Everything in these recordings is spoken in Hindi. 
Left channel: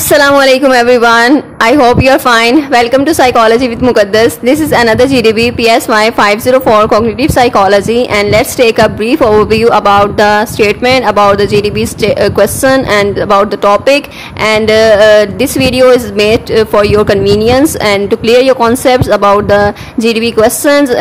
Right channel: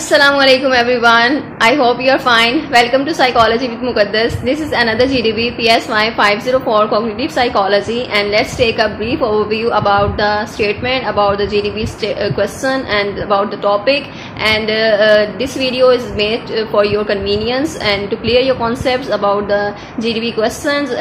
Assalamualaikum everyone. I hope you are fine. Welcome to Psychology with Muqaddas. This is another GDB PSY 504 Cognitive Psychology, and let's take a brief overview about the statement, about the GDB question and about the topic. And this video is made for your convenience and to clear your concepts about the GDB questions,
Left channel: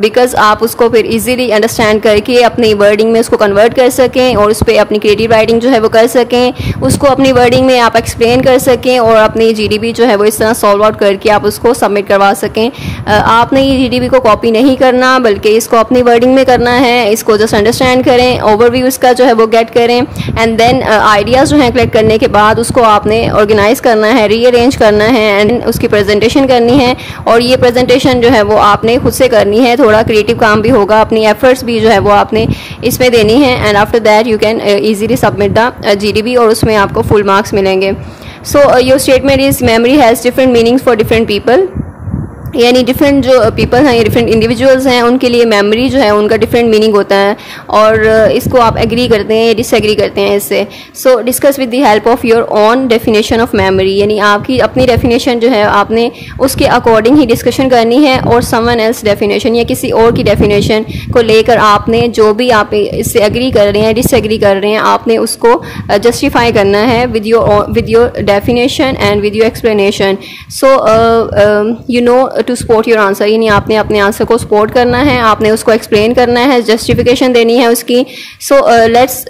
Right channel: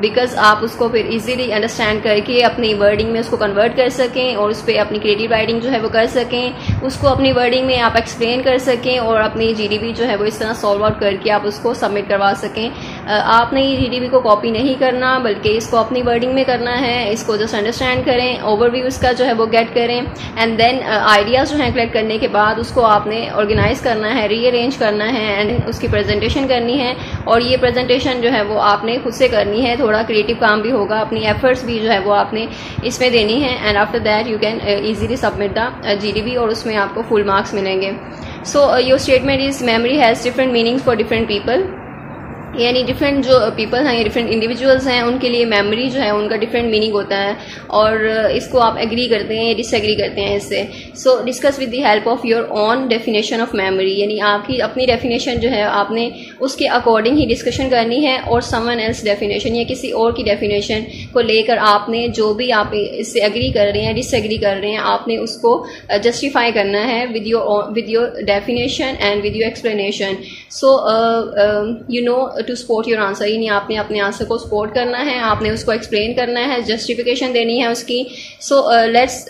because आप उसको फिर easily understand करके अपनी wording में उसको convert कर सकें और उस पर अपनी creative writing जो है वो कर सकें, उसको अपनी wording में आप explain कर सकें और अपनी जीडीबी जो है वो इस तरह सॉल्व आउट करके आप उसको सबमिट करवा सकें। आपने ये जीडीबी को कॉपी नहीं करना बल्कि इसको अपनी वर्डिंग में करना है। इसको जस्ट अंडरस्टैंड करें, ओवरव्यू इसका जो है वो गेट करें, एंड देन आइडियाज़ जो है कलेक्ट करने के बाद उसको आपने ऑर्गेनाइज करना है, रीअरेंज करना है एंड उसकी प्रेजेंटेशन करनी है। और ये प्रेजेंटेशन जो है वो आपने खुद से करनी है, थोड़ा क्रिएटिव काम भी होगा, अपनी एफर्ट्स भी जो है वो आपने इसमें देनी है, and after that you can easily submit the GDB और उसमें आपको फुल मार्क्स मिलेंगे। So your statement is memory has different meanings for different people. यानी डिफरेंट जो पीपल हैं या डिफरेंट इंडिविजुअल्स हैं उनके लिए मेमोरी जो है उनका डिफरेंट मीनिंग होता है, और इसको आप एग्री करते हैं या डिसएग्री करते हैं इससे। सो discuss with the help of your own definition of memory, यानी आपकी अपनी डेफिनेशन जो है आपने उसके अकॉर्डिंग ही डिस्कशन करनी है, और समवन एल्स डेफिनेशन या किसी और की डेफिनेशन को लेकर आपने जो भी आप इससे एग्री कर रहे हैं डिसएग्री कर रहे हैं आपने उसको जस्टिफाई करना है with your definition and with your explanation. So you know to support your answer, यानी आपने अपने आंसर को सपोर्ट करना है, आपने उसको एक्सप्लेन करना है, जस्टिफिकेशन देनी है उसकी। So let's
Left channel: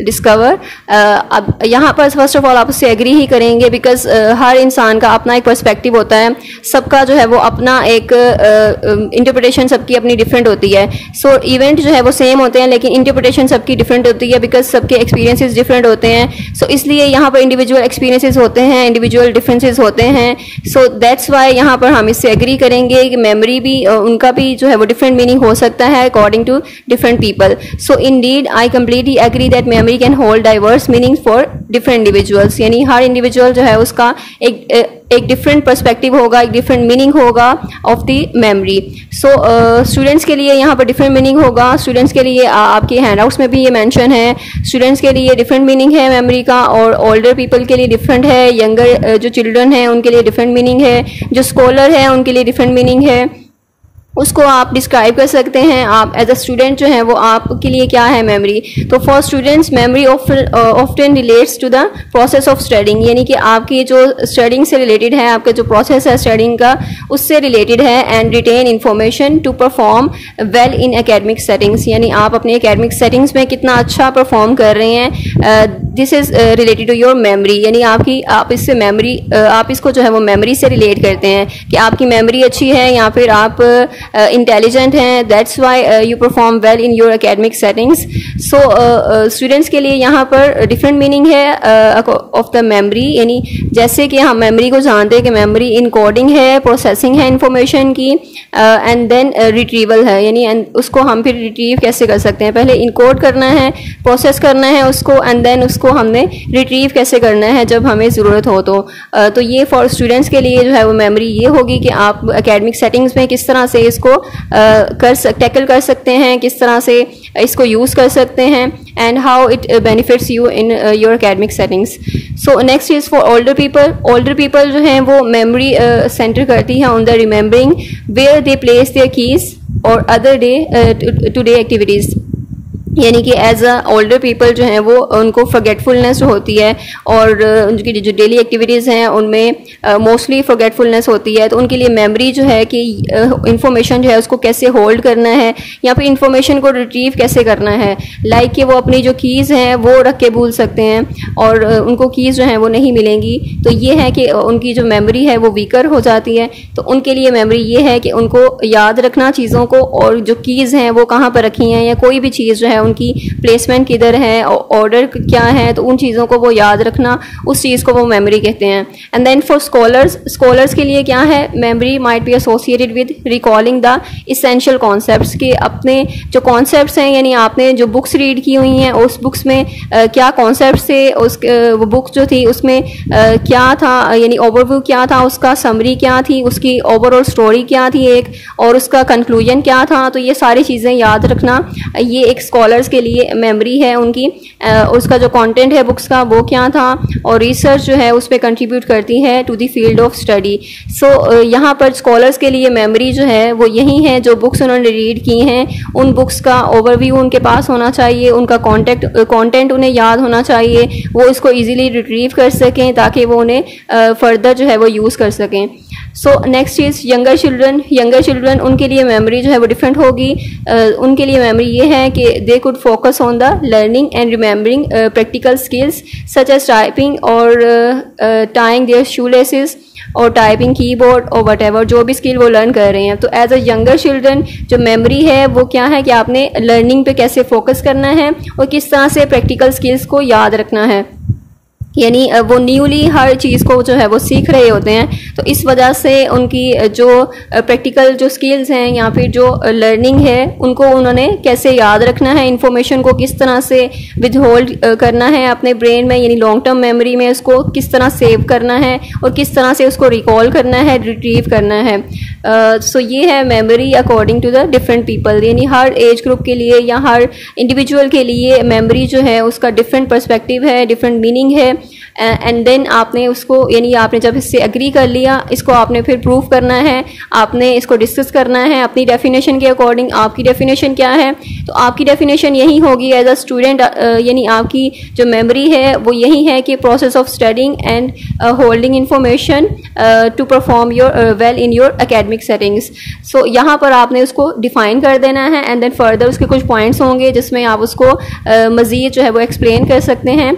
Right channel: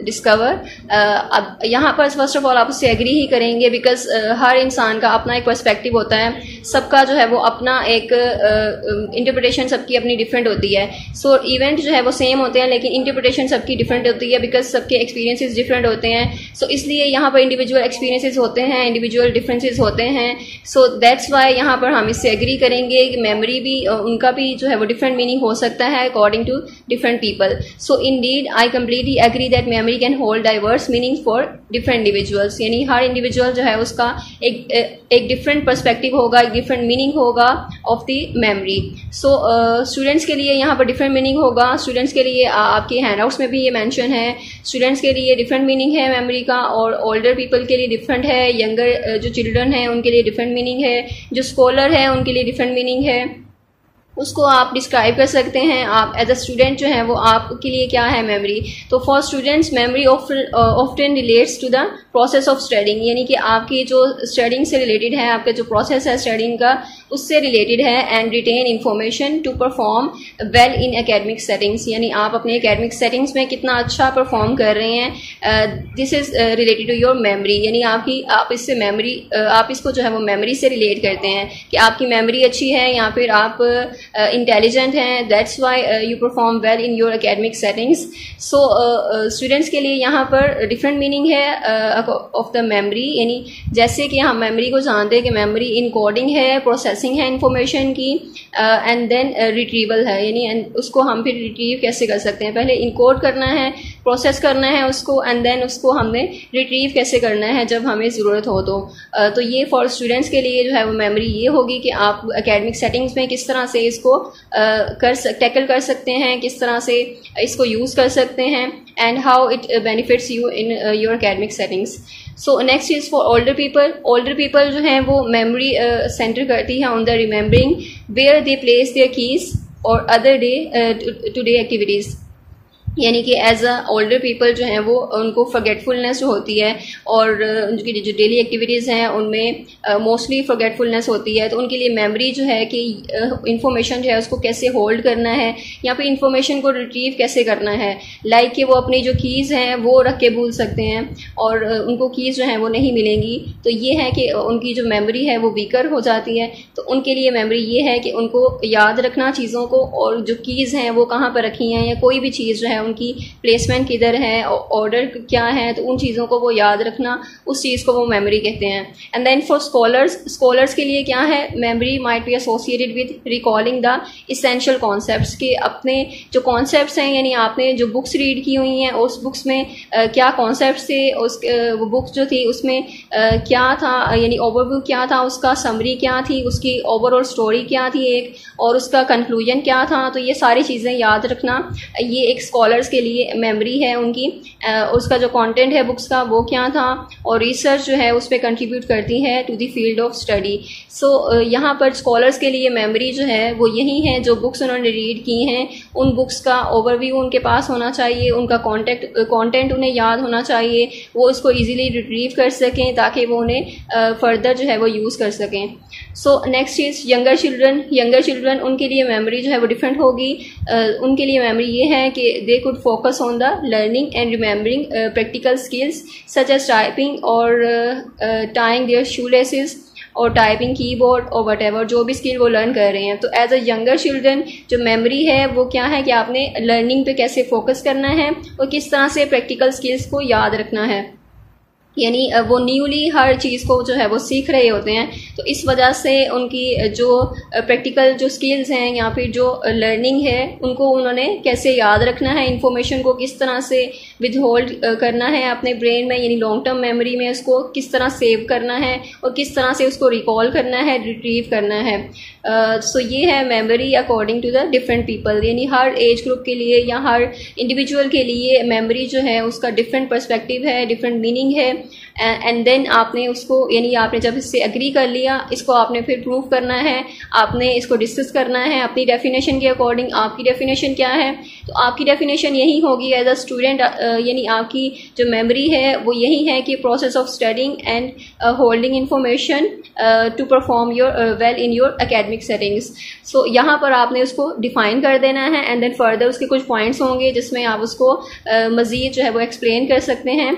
discover. अब यहाँ पर फर्स्ट ऑफ ऑल आप उससे एग्री ही करेंगे, बिकॉज हर इंसान का अपना एक पर्सपेक्टिव होता है, सबका जो है वो अपना एक इंटरप्रिटेशन सबकी अपनी डिफरेंट होती है। सो इवेंट जो है वो सेम होते हैं लेकिन इंटरप्रिटेशन सबकी डिफरेंट होती है, बिकॉज सबके एक्सपीरियंसेस डिफरेंट होते हैं। सो इसलिए यहाँ पर इंडिविजुअल एक्सपीरियंसेस होते हैं, इंडिविजुअल डिफरेंसेस होते हैं। सो दैट्स वाई यहाँ पर हम इससे एग्री करेंगे कि मेमोरी भी उनका भी जो है वो डिफरेंट मीनिंग हो सकता है according to different people. So indeed I completely agree that memory can hold diverse meaning for different individuals, यानी हर इंडिविजुअल जो है उसका एक डिफरेंट पर्सपेक्टिव होगा, एक डिफरेंट मीनिंग होगा of the memory. So students के लिए यहाँ पर डिफरेंट मीनिंग होगा। स्टूडेंट्स के लिए आपके हैंडआउट्स में भी ये मेंशन है, स्टूडेंट्स के लिए डिफरेंट मीनिंग है मेमोरी का, और ओल्डर पीपल के लिए डिफरेंट है, यंगर जो चिल्ड्रन है उनके लिए डिफरेंट मीनिंग है, जो स्कॉलर है उनके लिए डिफरेंट मीनिंग है, उसको आप डिस्क्राइब कर सकते हैं। आप एज अ स्टूडेंट जो है वो आपके लिए क्या है मेमोरी। तो for students memory often relates to the process of studying, यानी कि आपकी जो स्टडिंग से रिलेटेड है, आपका जो प्रोसेस है स्टडिंग का उससे रिलेटेड है, and retain information to perform well in academic settings, यानी आप अपने एकेडमिक सेटिंग्स में कितना अच्छा परफॉर्म कर रहे हैं, this is related to your memory, यानी आप इससे मेमोरी आप इसको जो है वो मेमोरी से रिलेट करते हैं कि आपकी मेमोरी अच्छी है या फिर आप इंटेलिजेंट हैं, that's why you perform well in your academic settings. So students के लिए यहाँ पर डिफरेंट मीनिंग है ऑफ द मेमोरी, यानी जैसे कि हम मेमोरी को जानते हैं कि मेमोरी इनकोडिंग है, प्रोसेसिंग है इंफॉर्मेशन की, एंड देन रिट्रीवल है, यानी उसको हम फिर रिट्रीव कैसे कर सकते हैं, पहले इनकोड करना है, प्रोसेस करना है उसको, एंड देन उसको हमने रिट्रीव कैसे करना है जब हमें ज़रूरत हो। तो ये फॉर स्टूडेंट्स के लिए जो है वो मेमोरी ये होगी कि आप एकेडमिक सेटिंग्स में किस तरह से इसको टैकल कर सकते हैं, किस तरह से इसको यूज कर सकते हैं, and how it benefits you in your academic settings. So next is for older people. Older people जो हैं वो मेमोरी सेंटर करती है on the remembering where they place their keys और other day to day activities, यानी कि एज अ ओल्डर पीपल जो हैं वो उनको फॉरगेटफुलनेस होती है, और उनकी जो डेली एक्टिविटीज़ हैं उनमें मोस्टली फॉरगेटफुलनेस होती है। तो उनके लिए मेमोरी जो है कि इंफॉर्मेशन जो है उसको कैसे होल्ड करना है या फिर इंफॉर्मेशन को रिट्रीव कैसे करना है, लाइक कि वो अपनी जो कीज़ हैं वो रख के भूल सकते हैं और उनको कीज़ जो हैं वो नहीं मिलेंगी। तो ये है कि उनकी जो मेमोरी है वो वीकर हो जाती है। तो उनके लिए मेमोरी ये है कि उनको याद रखना चीज़ों को, और जो कीज़ हैं वो कहाँ पर रखी हैं या कोई भी चीज़ जो है उनकी प्लेसमेंट किधर है, ऑर्डर क्या है, तो उन चीज़ों को वो याद रखना, उस चीज़ को वो मेमोरी कहते हैं। एंड देन फॉर स्कॉलर्स के लिए क्या है, memory might be associated with recalling the essential concepts, के अपने जो कॉन्सेप्ट्स हैं, यानी आपने जो बुक्स रीड की हुई हैं उस बुक्स में क्या कॉन्सेप्ट्स थे, वो बुक जो थी उसमें क्या था, यानी ओवरव्यू क्या था, उसका समरी क्या थी, उसकी ओवरऑल स्टोरी क्या थी एक, और उसका कंक्लूजन क्या था। तो ये सारी चीज़ें याद रखना ये एक स्कॉलर स्कॉलर्स के लिए मेमोरी है उनकी, उसका जो कंटेंट है बुक्स का वो क्या था, और रिसर्च जो है उस पर कंट्रीब्यूट करती है to the field of study. So यहाँ पर स्कॉलर्स के लिए मेमोरी जो है वो यही है, जो बुक्स उन्होंने रीड की हैं उन बुक्स का ओवरव्यू उनके पास होना चाहिए, उनका कंटेंट उन्हें याद होना चाहिए, वो इसको इजीली रिट्रीव कर सकें ताकि वो उन्हें फर्दर जो है वो यूज़ कर सकें। सो नेक्स्ट इज यंगर चिल्ड्रन उनके लिए मेमोरी जो है वो डिफरेंट होगी। उनके लिए मेमोरी ये है कि they could focus on the learning and remembering practical skills such as typing और टाइंग देयर शू लेसेस और टाइपिंग कीबोर्ड और वट जो भी स्किल वो लर्न कर रहे हैं। तो एज अ यंगर चिल्ड्रन जो मेमोरी है वो क्या है कि आपने लर्निंग पे कैसे फोकस करना है और किस तरह से प्रैक्टिकल स्किल्स को याद रखना है, यानी वो न्यूली हर चीज़ को जो है वो सीख रहे होते हैं। तो इस वजह से उनकी जो प्रैक्टिकल जो स्किल्स हैं या फिर जो लर्निंग है उनको उन्होंने कैसे याद रखना है, इंफॉर्मेशन को किस तरह से विद होल्ड करना है अपने ब्रेन में, यानी लॉन्ग टर्म मेमोरी में उसको किस तरह सेव करना है और किस तरह से उसको रिकॉल करना है, रिट्रीव करना है। सो ये है memory according to the different people, यानी हर एज ग्रुप के लिए या हर इंडिविजुअल के लिए मेमोरी जो है उसका डिफरेंट पर्सपेक्टिव है, डिफरेंट मीनिंग है। एंड देन आपने उसको, यानी आपने जब इससे एग्री कर लिया, इसको आपने फिर प्रूव करना है, आपने इसको डिस्कस करना है अपनी डेफिनेशन के अकॉर्डिंग। आपकी डेफिनेशन क्या है? तो आपकी डेफिनेशन यही होगी एज अ स्टूडेंट, यानी आपकी जो मेमोरी है वो यही है कि process of studying and holding information to perform your well in your academic settings. So यहाँ पर आपने उसको डिफाइन कर देना है एंड देन फर्दर उसके कुछ पॉइंट्स होंगे जिसमें आप उसको मजीद जो है वो एक्सप्लेन कर सकते हैं।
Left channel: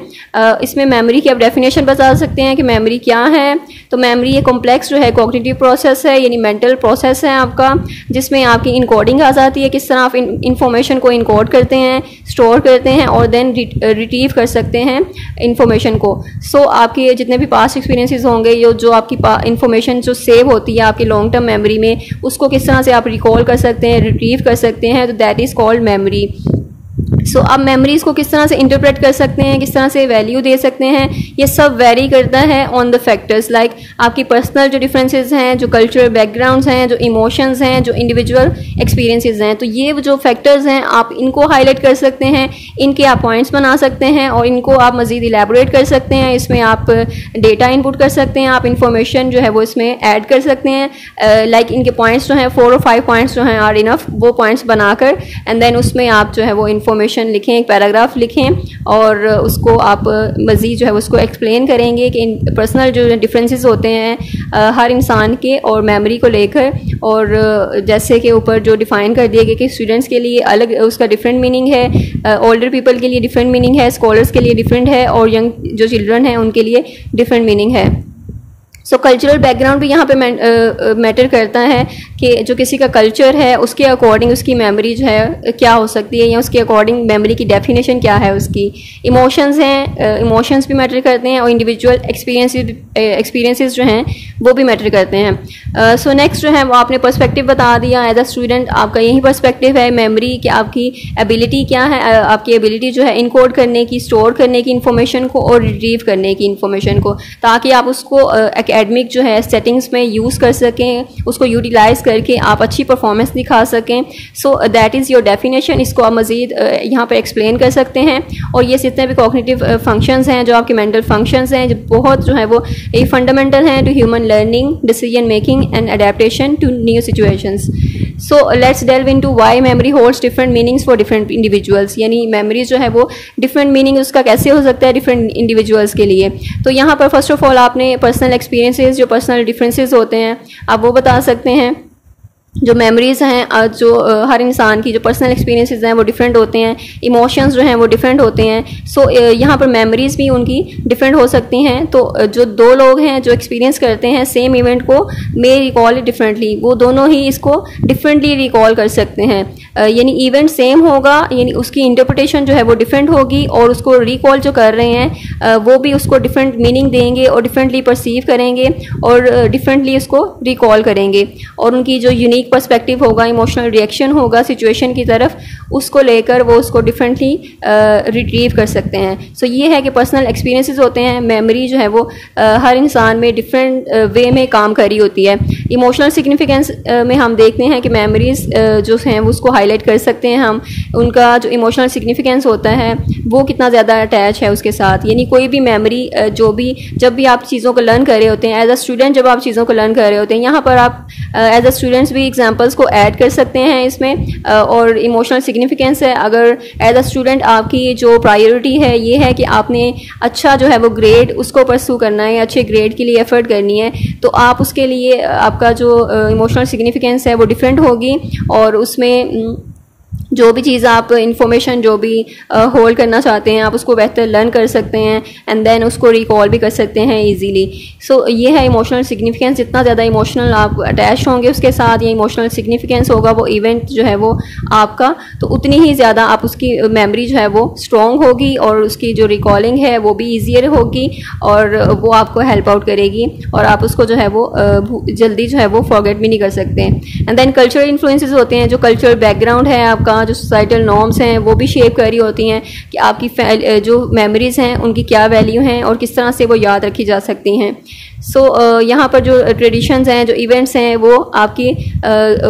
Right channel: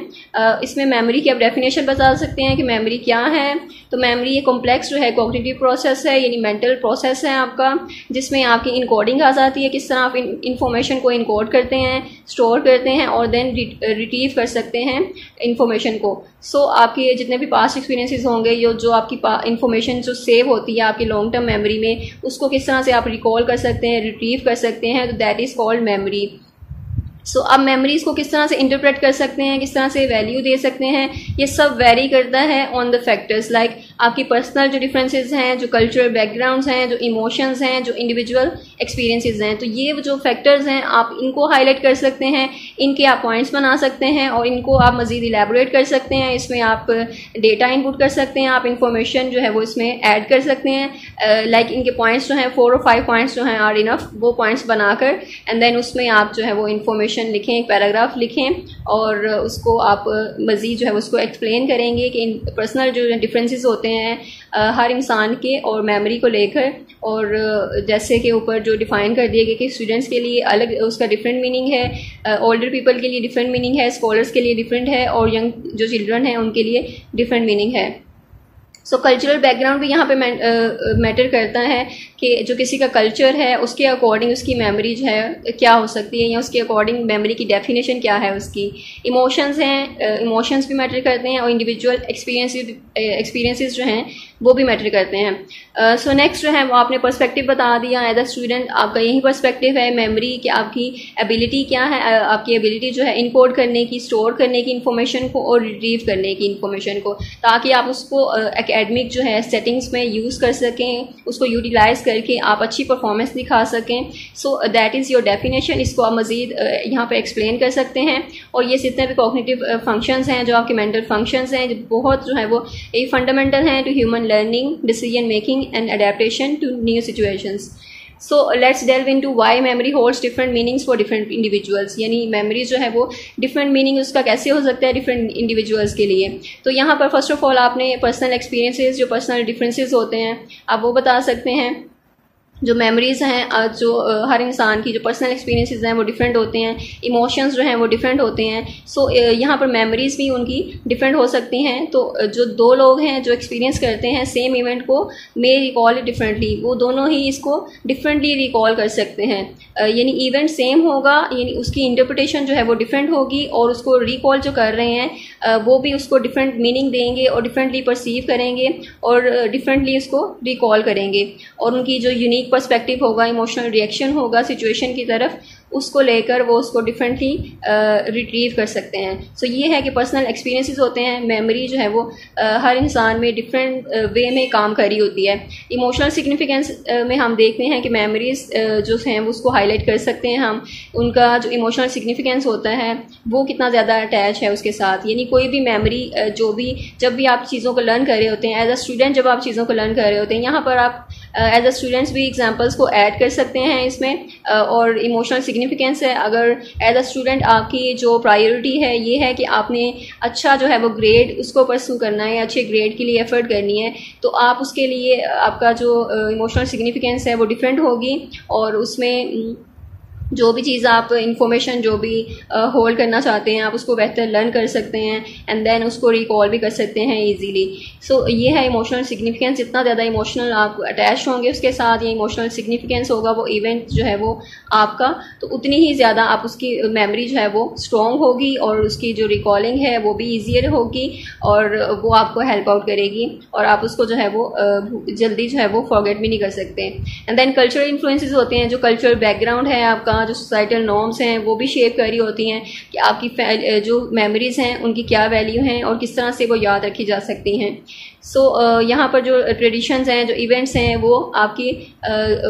इसमें मेमोरी की आप डेफिनेशन बता सकते हैं कि मेमोरी क्या है। तो मेमोरी ये कॉम्प्लेक्स जो है कॉग्निटिव प्रोसेस है, यानी मेंटल प्रोसेस है आपका, जिसमें आपकी इनकोडिंग आ जाती है, किस तरह आप इंफॉर्मेशन को इनकोड करते हैं, स्टोर करते हैं और देन रिट्रीव कर सकते हैं इंफॉर्मेशन को। सो आपके जितने भी पास्ट एक्सपीरियंसेस होंगे, जो आपकी इंफॉर्मेशन जो सेव होती है आपकी लॉन्ग टर्म मेमोरी में, उसको किस तरह से आप रिकॉल कर सकते हैं, रिट्रीव कर सकते हैं, तो दैट इज कॉल्ड मेमोरी। सो अब मेमोरीज को किस तरह से इंटरप्रेट कर सकते हैं, किस तरह से वैल्यू दे सकते हैं, ये सब वेरी करता है ऑन द फैक्टर्स लाइक आपकी पर्सनल जो डिफरेंसेस हैं, जो कल्चरल बैकग्राउंड्स हैं, जो इमोशंस हैं, जो इंडिविजुअल एक्सपीरियंसेस हैं। तो ये जो फैक्टर्स हैं आप इनको हाईलाइट कर सकते हैं, इनके आप पॉइंट्स बना सकते हैं और इनको आप मजीद इलेबोरेट कर सकते हैं। इसमें आप डेटा इनपुट कर सकते हैं, आप इंफॉर्मेशन जो है वो इसमें ऐड कर सकते हैं। लाइक इनके पॉइंट्स जो हैं 4 और 5 पॉइंट्स जो हैं आर इनफ, वो पॉइंट्स बनाकर एंड देन उसमें आप जो है वो इंफॉर्मेशन लिखें, एक पैराग्राफ लिखें और उसको आप मजीद जो है उसको एक्सप्लेन करेंगे कि पर्सनल जो डिफरेंसेस होते हैं हर इंसान के और मेमोरी को लेकर, और जैसे कि ऊपर जो डिफाइन कर दिया गया कि स्टूडेंट्स के लिए अलग उसका डिफरेंट मीनिंग है, ओल्डर पीपल के लिए डिफरेंट मीनिंग है, स्कॉलर्स के लिए डिफरेंट है और यंग जो चिल्ड्रन हैं उनके लिए डिफरेंट मीनिंग है। सो कल्चरल बैकग्राउंड भी यहाँ पे मैटर करता है कि जो किसी का कल्चर है उसके अकॉर्डिंग उसकी मेमोरी जो है क्या हो सकती है या उसके अकॉर्डिंग मेमोरी की डेफिनेशन क्या है उसकी। इमोशंस हैं, इमोशंस भी मैटर करते हैं और इंडिविजुअल एक्सपीरियंसेस जो हैं वो भी मैटर करते हैं। सो नेक्स्ट जो है वो आपने पर्सपेक्टिव बता दिया एज अ स्टूडेंट, आपका यही पर्सपेक्टिव है मेमोरी कि आपकी एबिलिटी क्या है, आपकी एबिलिटी जो है इनकोड करने की, स्टोर करने की इंफॉर्मेशन को और रिट्रीव करने की इंफॉर्मेशन को, ताकि आप उसको एकेडमिक जो है सेटिंग्स में यूज़ कर सकें, उसको यूटिलाइज करके आप अच्छी परफॉर्मेंस दिखा सकें। So that is your definition. इसको आप मजीद यहाँ पे एक्सप्लेन कर सकते हैं। और ये जितने भी कॉग्निटिव फंक्शंस हैं, जो आपके मेंटल फंक्शंस हैं, जो बहुत जो है वो ये फंडामेंटल हैं to human learning, decision making and adaptation to new situations. So let's delve into why memory holds different meanings for different individuals, यानी मेमोरी जो है वो डिफरेंट मीनिंग उसका कैसे हो सकता है डिफरेंट इंडिविजुअल्स के लिए। तो यहाँ पर फर्स्ट ऑफ ऑल आपने पर्सनल एक्सपीरियंसेस, जो पर्सनल डिफरेंसेस होते हैं आप वो बता सकते हैं। जो मेमोरीज हैं, जो हर इंसान की जो पर्सनल एक्सपीरियंसेस हैं वो डिफरेंट होते हैं, इमोशंस जो हैं वो डिफरेंट होते हैं। सो यहाँ पर मेमोरीज भी उनकी डिफरेंट हो सकती हैं। तो जो दो लोग हैं जो एक्सपीरियंस करते हैं सेम इवेंट को मे रिकॉल डिफरेंटली, वो दोनों ही इसको डिफरेंटली रिकॉल कर सकते हैं। यानी इवेंट सेम होगा, यानी उसकी इंटरप्रिटेशन जो है वो डिफरेंट होगी और उसको रिकॉल जो कर रहे हैं वो भी उसको डिफरेंट मीनिंग देंगे और डिफरेंटली परसीव करेंगे और डिफरेंटली उसको रिकॉल करेंगे। और उनकी जो यूनिक यूनिक पर्सपेक्टिव होगा, इमोशनल रिएक्शन होगा सिचुएशन की तरफ, उसको लेकर वो उसको डिफरेंटली रिट्रीव कर सकते हैं। सो ये है कि पर्सनल एक्सपीरियंसेस होते हैं, मेमोरी जो है वो हर इंसान में डिफरेंट वे में काम कर रही होती है। इमोशनल सिग्निफिकेंस में हम देखते हैं कि मेमोरीज जो हैं उसको हाईलाइट कर सकते हैं हम, उनका जो इमोशनल सिग्निफिकेंस होता है वो कितना ज़्यादा अटैच है उसके साथ। यानी कोई भी मेमोरी जब भी आप चीज़ों को लर्न कर रहे होते हैं, एज अ स्टूडेंट जब आप चीज़ों को लर्न कर रहे होते हैं, यहाँ पर आप एज अ स्टूडेंट्स भी एग्जाम्पल्स को ऐड कर सकते हैं इसमें। और इमोशनल सिग्निफिकेंस है, अगर एज अ स्टूडेंट आपकी जो प्रायोरिटी है ये है कि आपने अच्छा जो है वो ग्रेड उसको परस्यू करना है, अच्छे ग्रेड के लिए एफर्ट करनी है, तो आप उसके लिए आपका जो इमोशनल सिग्निफिकेंस है वो डिफरेंट होगी। और उसमें जो भी चीज़ आप इंफॉर्मेशन जो भी होल्ड करना चाहते हैं आप उसको बेहतर लर्न कर सकते हैं एंड देन उसको रिकॉल भी कर सकते हैं इजीली। सो ये है इमोशनल सिग्निफिकेंस। जितना ज़्यादा इमोशनल आप अटैच होंगे उसके साथ, या इमोशनल सिग्निफिकेंस होगा वो इवेंट जो है वो आपका, तो उतनी ही ज़्यादा आप उसकी मेमोरी जो है वो स्ट्रॉन्ग होगी और उसकी जो रिकॉलिंग है वो भी ईजियर होगी और वो आपको हेल्प आउट करेगी और आप उसको जो है वो जल्दी जो है वो फॉरगेट भी नहीं कर सकते। एंड देन कल्चरल इन्फ्लुएंसेस होते हैं, जो कल्चरल बैकग्राउंड है आपका, जो सोसाइटल नॉर्म्स हैं वो भी शेप कर रही होती हैं कि आपकी जो मेमोरीज हैं उनकी क्या वैल्यू हैं और किस तरह से वो याद रखी जा सकती हैं। सो यहाँ पर जो ट्रेडिशंस हैं, जो इवेंट्स हैं, वो आपकी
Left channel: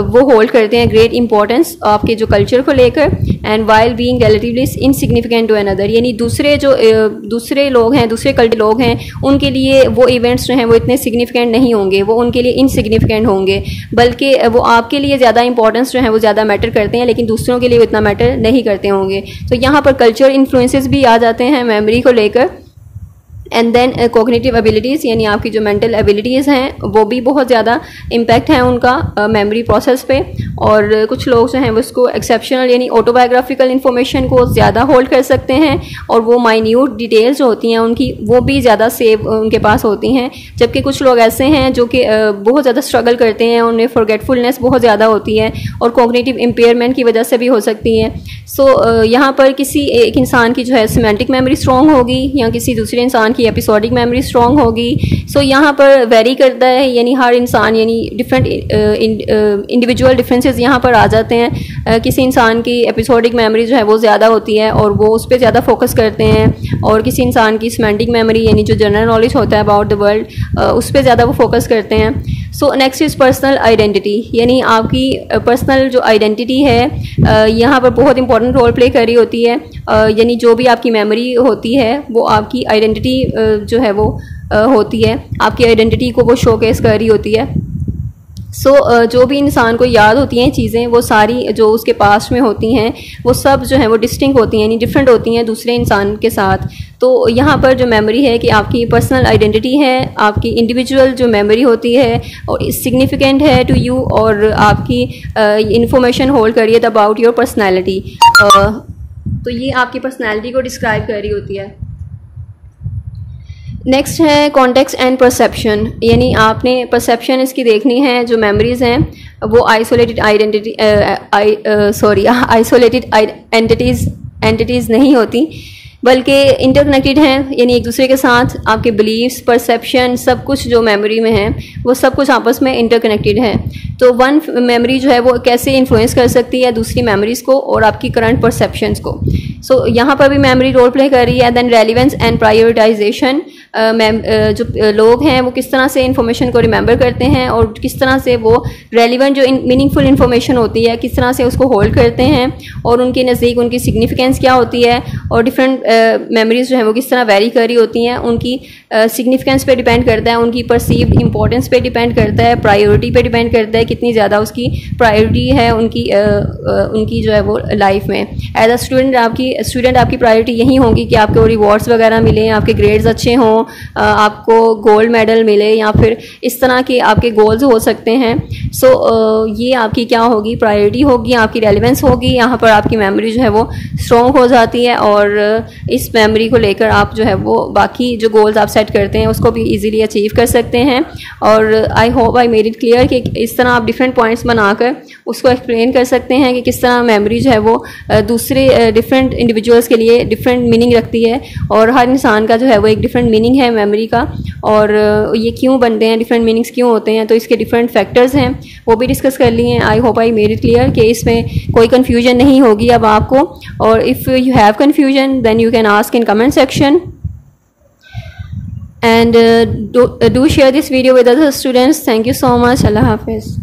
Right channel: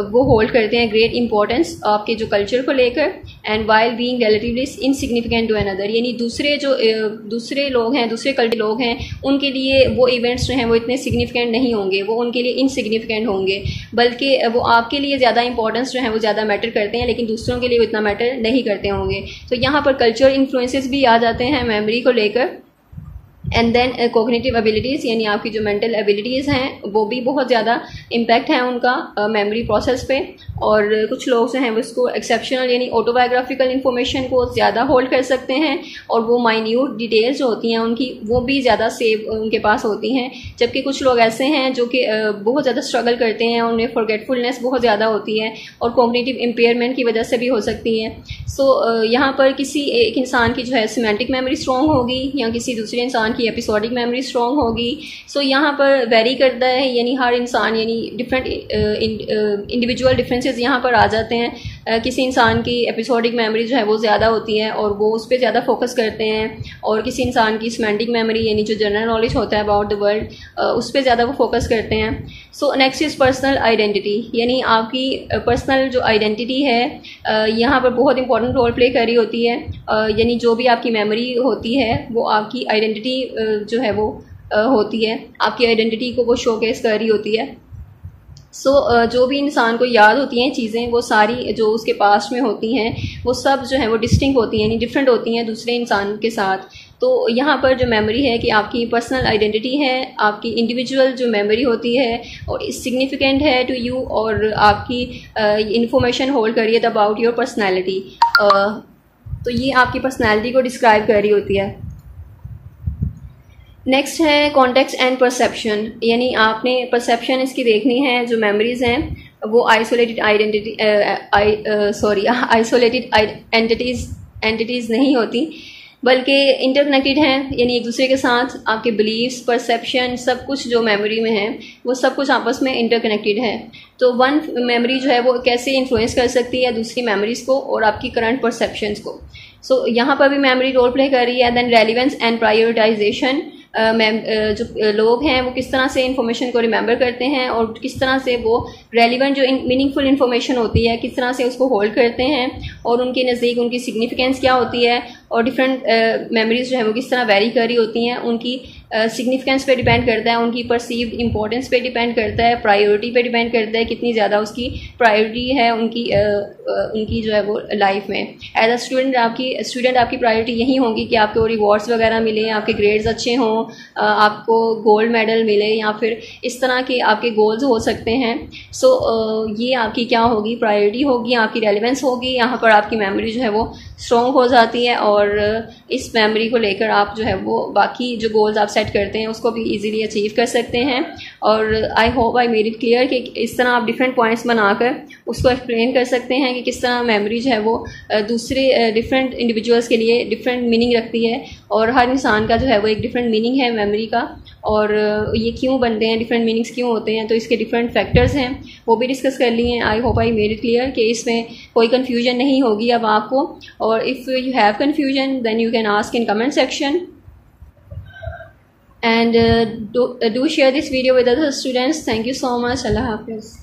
वो होल्ड करते हैं ग्रेट इंपॉर्टेंस आपके जो कल्चर को लेकर, and while being relatively insignificant to another. यानी दूसरे लोग हैं, दूसरे कल्चर लोग हैं, उनके लिए वो इवेंट्स जो हैं वो इतने सिग्निफिकेंट नहीं होंगे, वो उनके लिए इनसिग्निफिकेंट होंगे, बल्कि वो आपके लिए ज़्यादा इंपॉर्टेंस जो है वो ज़्यादा मैटर करते हैं, लेकिन दूसरों के लिए वो इतना मैटर नहीं करते होंगे। तो यहाँ पर कल्चर इन्फ्लुएंसेस भी आ जाते हैं मेमोरी को लेकर। एंड देन कॉग्निटिव एबिलिटीज़, यानी आपकी जो मेंटल एबिलिटीज़ हैं वो भी बहुत ज़्यादा इम्पैक्ट है उनका मेमोरी प्रोसेस पे। और कुछ लोग जो हैं वो उसको एक्सेप्शनल यानी ऑटोबायोग्राफिकल इन्फॉर्मेशन को ज़्यादा होल्ड कर सकते हैं और वो माइन्यूट डिटेल्स जो होती हैं उनकी वो भी ज़्यादा सेव उनके पास होती हैं, जबकि कुछ लोग ऐसे हैं जो कि बहुत ज़्यादा स्ट्रगल करते हैं, उन्हें फॉरगेटफुलनेस बहुत ज़्यादा होती है और कॉग्निटिव इम्पेयरमेंट की वजह से भी हो सकती है। सो यहाँ पर किसी एक इंसान की जो है सिमेंटिक मेमोरी स्ट्रॉन्ग होगी या किसी दूसरे इंसान की एपिसोडिक मेमोरी स्ट्रॉन्ग होगी। सो यहाँ पर वेरी करता है, यानी हर इंसान यानी डिफरेंट इंडिविजुअल डिफरेंसेस यहाँ पर आ जाते हैं। किसी इंसान की एपिसोडिक मेमोरी जो है वो ज़्यादा होती है और वो उस पर ज़्यादा फोकस करते हैं, और किसी इंसान की सिमेंटिक मेमोरी यानी जो जनरल नॉलेज होता है अबाउट द वर्ल्ड उस पर ज़्यादा वो फोकस करते हैं। So next is personal identity, यानी आपकी पर्सनल जो आइडेंटिटी है यहाँ पर बहुत इंपॉर्टेंट रोल प्ले कर रही होती है। यानी जो भी आपकी मेमोरी होती है वो आपकी आइडेंटिटी जो है वो होती है, आपकी आइडेंटिटी को वो शोकेस कर रही होती है। सो जो भी इंसान को याद होती हैं चीज़ें वो सारी जो उसके पास में होती हैं वो सब जो है वो डिस्टिंक्ट होती हैं, यानी डिफरेंट होती हैं दूसरे इंसान के साथ। तो यहाँ पर जो मेमोरी है कि आपकी पर्सनल आइडेंटिटी है, आपकी इंडिविजुअल जो मेमोरी होती है और सिग्निफिकेंट है टू यू, और आपकी इंफॉर्मेशन होल्ड करिए अबाउट योर पर्सनैलिटी। तो ये आपकी पर्सनैलिटी को डिस्क्राइब कर रही होती है। नेक्स्ट है कॉन्टेक्स्ट एंड परसेप्शन, यानी आपने परसेप्शन इसकी देखनी है। जो मेमोरीज हैं वो आइसोलेटेड एंटिटीज़ नहीं होती, बल्कि इंटरकनेक्टेड हैं, यानी एक दूसरे के साथ आपके बिलीव्स, परसेप्शन, सब कुछ जो मेमोरी में है वो सब कुछ आपस में इंटरकनेक्टेड है। तो वन मेमोरी जो है वो कैसे इन्फ्लुएंस कर सकती है दूसरी मेमोरीज को और आपकी करंट परसेप्शंस को। सो यहाँ पर भी मेमोरी रोल प्ले कर रही है। देन रेलिवेंस एंड प्रायोरिटाइजेशन, जो लोग हैं वो किस तरह से इंफॉर्मेशन को रिमेंबर करते हैं और किस तरह से वो रेलिवेंट जो मीनिंगफुल इंफॉर्मेशन होती है किस तरह से उसको होल्ड करते हैं और उनके नज़दीक उनकी सिग्निफिकेंस क्या होती है, और डिफरेंट मेमोरीज जो है वो किस तरह वेरी कर रही होती हैं। उनकी सिग्निफिकेंस पे डिपेंड करता है, उनकी परसीव्ड इंपॉर्टेंस पे डिपेंड करता है, प्रायोरिटी पे डिपेंड करता है कितनी ज़्यादा उसकी प्रायोरिटी है उनकी जो है वो लाइफ में। एज अ स्टूडेंट आपकी प्रायोरिटी यही होगी कि आपको रिवॉर्ड्स वगैरह मिले, आपके ग्रेड्स अच्छे हों, आपको गोल्ड मेडल मिले, या फिर इस तरह के आपके गोल्स हो सकते हैं। सो ये आपकी क्या होगी, प्रायोरिटी होगी, आपकी रेलिवेंस होगी। यहाँ पर आपकी मेमोरी जो है वो स्ट्रॉन्ग हो जाती है और इस मेमोरी को लेकर आप जो है वो बाकी जो गोल्स आप सेट सेट करते हैं उसको भी ईजिली अचीव कर सकते हैं। और आई hope I made it clear कि इस तरह आप डिफरेंट पॉइंट्स बनाकर उसको एक्सप्लेन कर सकते हैं कि किस तरह मेमोरी जो है वो दूसरे डिफरेंट इंडिविजुअल्स के लिए डिफरेंट मीनिंग रखती है, और हर इंसान का जो है वो एक डिफरेंट मीनिंग है मेमोरी का, और ये क्यों बनते हैं, डिफरेंट मीनिंग्स क्यों होते हैं, तो इसके डिफरेंट फैक्टर्स हैं वो भी डिस्कस कर लिए हैं। I hope I made it clear कि इसमें कोई कन्फ्यूजन नहीं होगी अब आपको, और if you have confusion then you can ask in comment section, and do share this video with other students. Thank you so much. Allah Hafiz.